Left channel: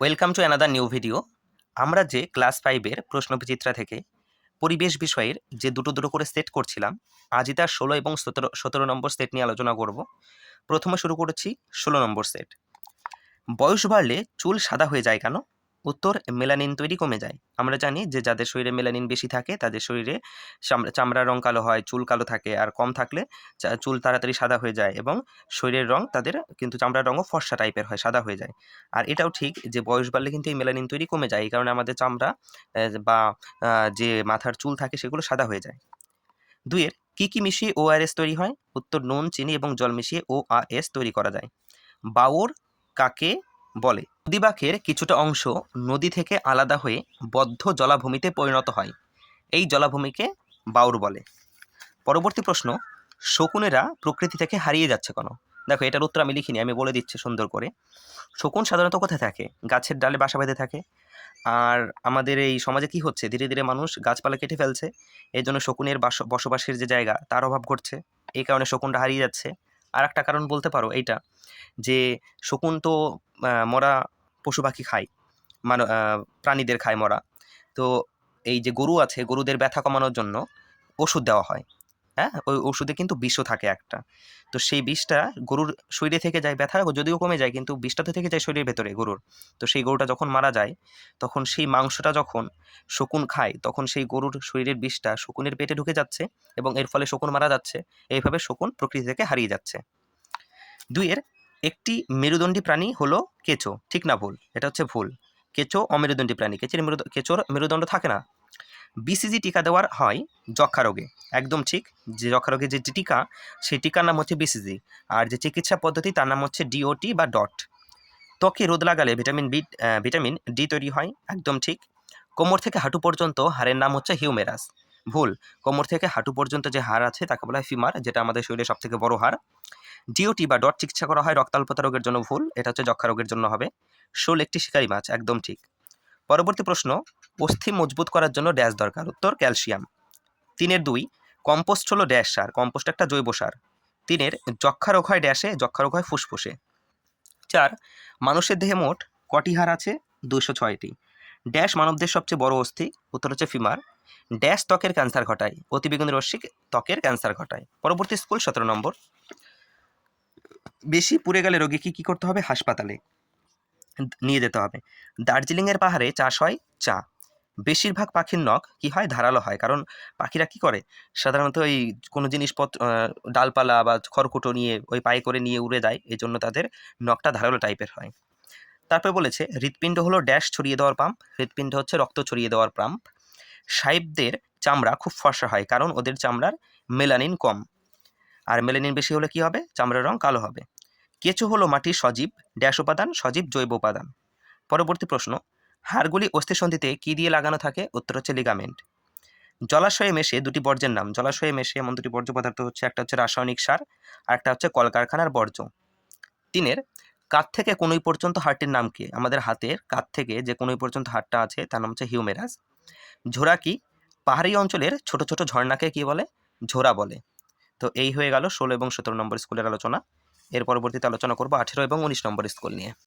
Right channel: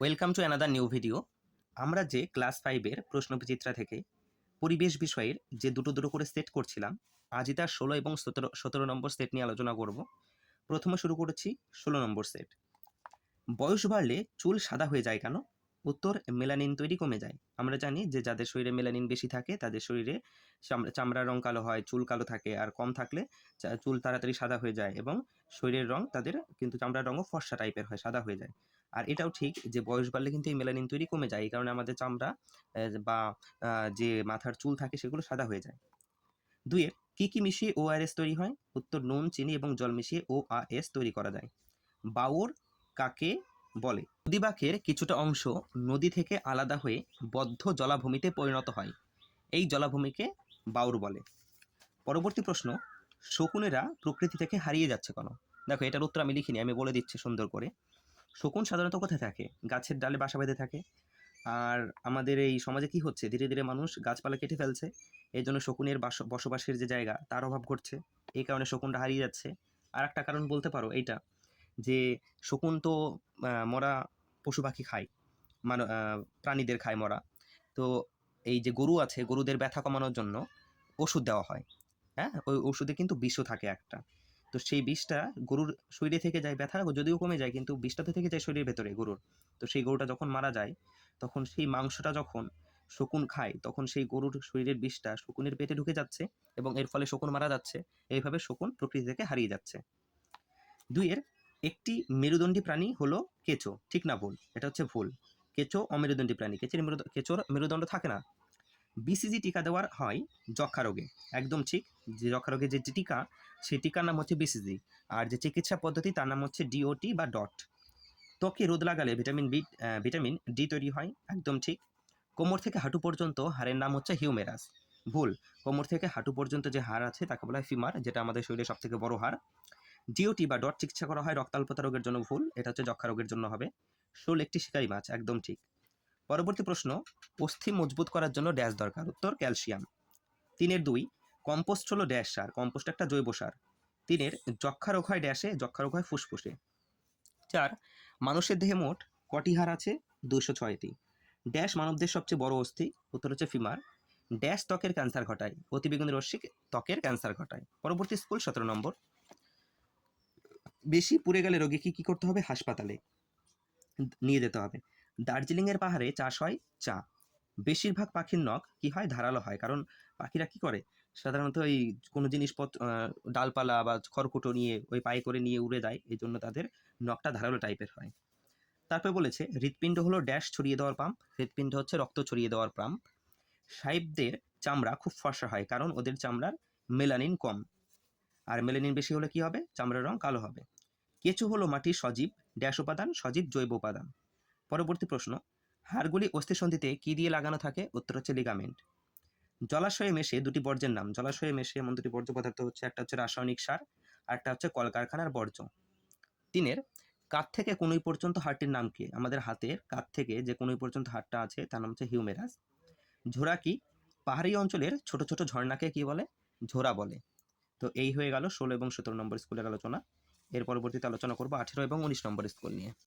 Welcome to another new video আমরা যে class ফাইভের প্রশ্নবিচিত্রা থেকে পরিবেশ বিষয়ের যে দুটো দুটো করে সেট করছিলাম, আজই তার ষোলো এবং সতেরো সতেরো নম্বর সেট নিয়ে আলোচনা করব। প্রথমে শুরু করেছি ষোলো নম্বর সেট বয়স বাড়লে চুল সাদা হয়ে যায় কেন? উত্তর মেলানিন তৈরি কমে যায়। আমরা জানি যে, যাদের শরীরে মেলানিন বেশি থাকে, তাদের শরীরে চামড়া- চামড়ার রং কালো হয়, চুল কালো থাকে আর কম থাকলে চুল তাড়াতাড়ি সাদা হয়ে যায় এবং শরীরের রং তাদের কিন্তু চামড়ার রঙও ফর্সা টাইপের হয়, সাদা হয়ে যায়। আর এটাও ঠিক যে, বয়স বাড়লে কিন্তু এই মেলানিন তৈরি কমে যায়। এই কারণে আমাদের চামড়া বা যে মাথার চুল থাকে সেগুলো সাদা হয়ে যায়। দুইয়ের, কি কি মিশিয়ে ওআরএস তৈরি হয়? উত্তর নুন, চিনি এবং জল মিশিয়ে ওআরএস তৈরি করা যায়। বাউর, কাকে বলে। নদীবাঁকের কিছুটা অংশ নদী থেকে আলাদা হয়ে বদ্ধ জলাভূমিতে পরিণত হয়। এই জলাভূমিকে বাউর বলে। পরবর্তী প্রশ্ন, শকুনেরা প্রকৃতি থেকে হারিয়ে যাচ্ছে কেন? দেখো, এটার উত্তর আমি লিখিনি, আমি বলে দিচ্ছি সুন্দর করে। শকুন সাধারণত কোথায় থাকে? গাছের ডালে বাসা বেঁধে থাকে। আর আমাদের এই সমাজে কি হচ্ছে? ধীরে ধীরে মানুষ গাছপালা কেটে ফেলছে। এই জন্য শকুনের বাস, বসবাসের যে জায়গা, তার অভাব ঘটছে। এই কারণে শকুনটা হারিয়ে যাচ্ছে। আর একটা কারণ বলতে পারো এইটা, যে শকুন তো মরা পশু পাখি খায়, মান প্রাণীদের খায় মরা। তো এই যে গরু আছে, গরুদের ব্যথা কমানোর জন্য ওষুধ দেওয়া হয়। হ্যাঁ? ওই ওষুধে কিন্তু বিষও থাকে একটা। তো সেই বিষটা গরুর শরীরে থেকে যায় ব্যথা, যদিও কমে যায়, কিন্তু বিষটা তো থেকে যায় শরীরের ভেতরে গরুর। তো সেই গরুটা যখন মারা যায়, তখন সেই মাংসটা যখন শকুন খায়, তখন সেই গরুর শরীরের বিষটা শকুনের পেটে ঢুকে যাচ্ছে এবং এর ফলে শকুন মারা যাচ্ছে। এইভাবে শকুন প্রকৃতি থেকে হারিয়ে যাচ্ছে। দুইয়ের একটি মেরুদণ্ডী প্রাণী হলো কেঁচো। ঠিক না ভুল? এটা হচ্ছে ভুল। কেঁচো অমেরুদণ্ডী প্রাণী। কেঁচোর মেরুদ, কেঁচোর মেরুদণ্ড থাকে না। বিসিজি টিকা দেওয়ার হয় যক্ষা রোগে। একদম ঠিক, যে যক্ষা রোগের যে টিকা, সেই টিকার নাম হচ্ছে বিসিজি আর যে চিকিৎসা পদ্ধতি, তার নাম হচ্ছে ডিওটি বা ডট ত্বকে রোদ লাগালে ভিটামিন বি ভিটামিন ডি তৈরি হয়, একদম ঠিক। কোমর থেকে হাঁটু পর্যন্ত হাড়ের নাম হচ্ছে হিউমেরাস। ভুল, কোমর থেকে হাঁটু পর্যন্ত যে হাড় আছে, তাকে বলা হয় ফিমার, যেটা আমাদের শরীরের সবথেকে বড় হাড়। ডিওটি বা ডট চিকিৎসা করা হয় রক্তাল্পতা রোগের জন্য ভুল, এটা হচ্ছে যক্ষা রোগের জন্য হবে। শোল একটি শিকারী মাছ, একদম ঠিক। পরবর্তী প্রশ্ন, অস্থি মজবুত করার জন্য ড্যাশ দরকার। উত্তর, ক্যালসিয়াম। তিনের দুই, কম্পোস্ট হলো ড্যাশ সার, কম্পোস্ট একটা জৈব সার। তিনের যক্ষা রোগ হয় ড্যাশে যক্ষা রোগ হয় ফুসফুসে। চার, মানুষের দেহে মোট কটি হাড় আছে? দুশো ছয়টি। ড্যাশ মানবদের সবচেয়ে বড় অস্থি, উত্তর হচ্ছে ফিমার। ড্যাশ ত্বকের ক্যান্সার ঘটায়, অতিবেগুনি রশ্মি ত্বকের ক্যান্সার ঘটায়। পরবর্তী স্কুল, সতেরো নম্বর। বেশি পুড়ে গেলে রোগীকে কী করতে হবে? হাসপাতালে। নিয়ে যেতে হবে। দার্জিলিংয়ের পাহাড়ে চাষ হয় চা। বেশিরভাগ পাখির নখ কি হয়? ধারালো হয়। কারণ পাখিরা কি করে? সাধারণত এই কোনো জিনিসপত্র ডালপালা বা খড়কুটো নিয়ে, ওই পায়ে করে নিয়ে উড়ে যায়। এই জন্য তাদের নখটা ধারালো টাইপের হয়। তারপরে বলেছে, হৃৎপিণ্ড হলো ড্যাশ ছড়িয়ে দেওয়ার পাম্প। হৃৎপিণ্ড হচ্ছে রক্ত ছড়িয়ে দেওয়ার পাম্প। সাহেবদের চামড়া খুব ফর্সা হয়। কারণ ওদের চামড়ার মেলানিন কম। আর মেলানিন বেশি হলে কি হবে? চামড়ার রং কালো হবে। কেঁচো হলো মাটির সজীব, ড্যাশ উপাদান, সজীব জৈব উপাদান। পরবর্তী প্রশ্ন, হাড়গুলি অস্থিসন্ধিতে কী দিয়ে লাগানো থাকে? উত্তর হচ্ছে লিগামেন্ট। জলাশয়ে মেশে দুটি বর্জ্যের নাম, জলাশয়ে মেশে এমন দুটি বর্জ্য পদার্থ হচ্ছে, একটা হচ্ছে রাসায়নিক সার আর একটা হচ্ছে কলকারখানার বর্জ্য। তিনের কাত থেকে কোনোই পর্যন্ত হাড়টির নাম কি? আমাদের হাতের কাত থেকে যে কোনোই পর্যন্ত হাড়টা আছে, তার নাম হচ্ছে হিউমেরাস। ঝোরা কি? পাহাড়ি অঞ্চলের ছোট ছোট ঝর্ণাকে কি বলে? ঝোরা বলে। তো এই হয়ে গেল ষোলো এবং সতেরো নম্বর স্কুলের আলোচনা। এর পরবর্তীতে আলোচনা করব আঠেরো এবং উনিশ নম্বর স্কুল নিয়ে।